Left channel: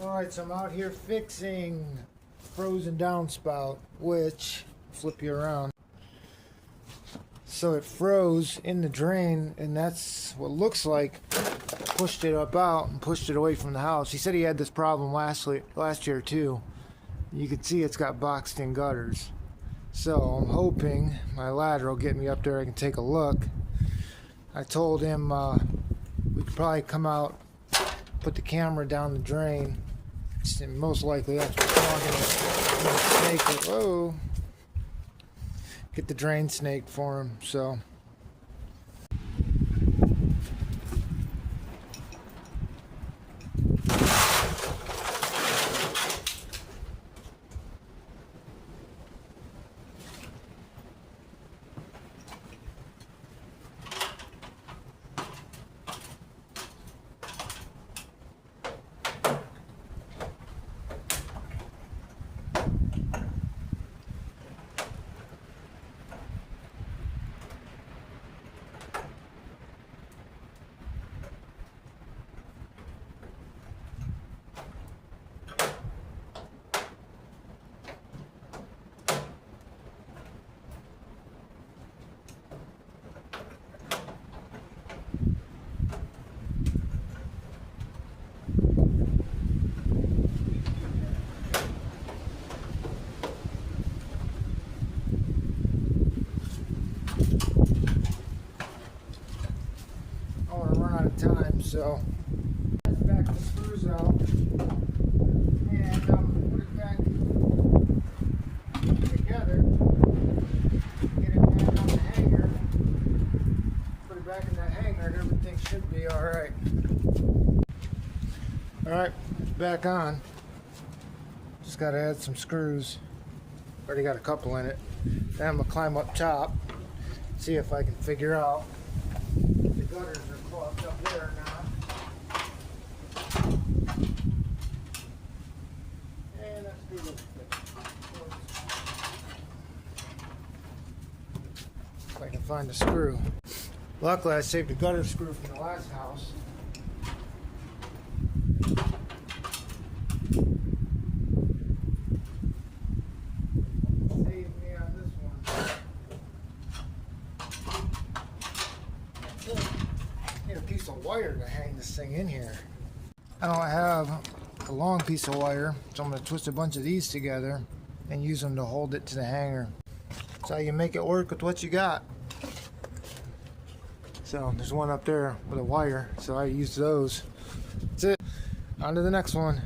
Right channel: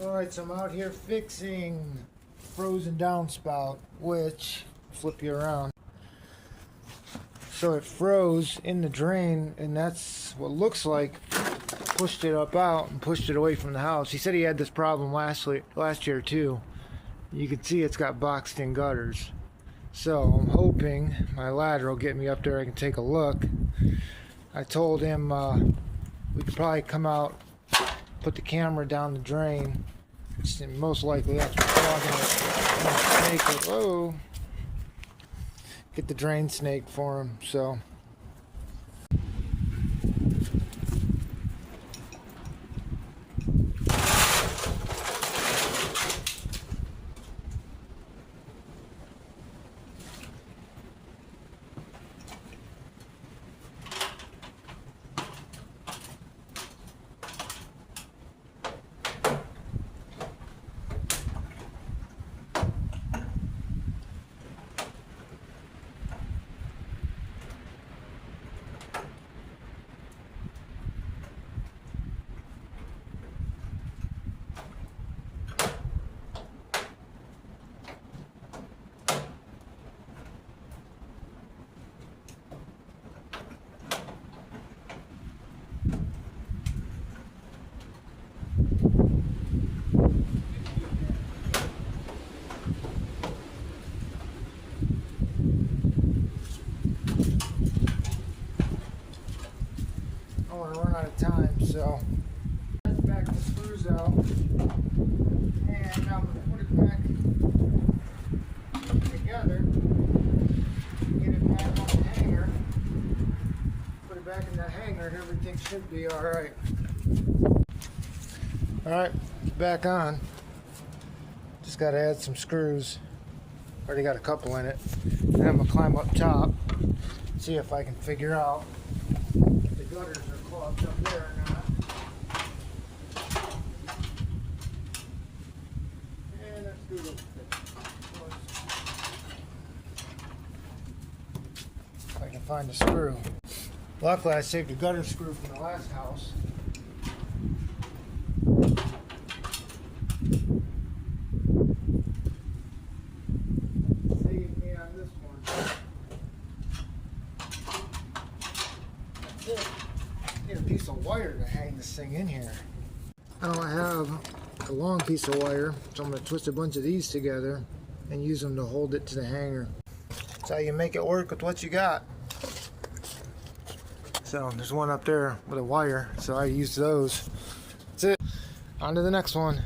Alright, so I'm out here fixing frozen downspout, which, flip you around. So it froze in the drain, and that's what looks like pushed it up out and pushed it away from the house. He said he had this problem last year too. You can see it's got boxed in gutters. So I'm hoping my ladder will get me up there. I can take a look. I told him we could probably come out, put the camera down the drain. And most likely that's what's clogging it. Snake. Whoa! Get the drain snake for him. So. Run out of time, so back the screws out, and I'm going to put it back together, get it back on the hanger, put it back in that hanger, and everything should be alright. Alright, back on. Just got to add some screws. Already got a couple in it. And I'm going to climb up top, see if I can figure out if the gutters are clogged up there or not. And let's do this. If I can find the screw. Luckily I saved the gutter screw from the last house. Saved me on this one. Need a piece of wire to hang this thing in here. I don't have a long piece of wire, so I'm going to twist a bunch of these together and use them to hold it to the hanger. That's how you make it work with what you got. So there's one up there with a wire, so I use those. That's it. On to the next one.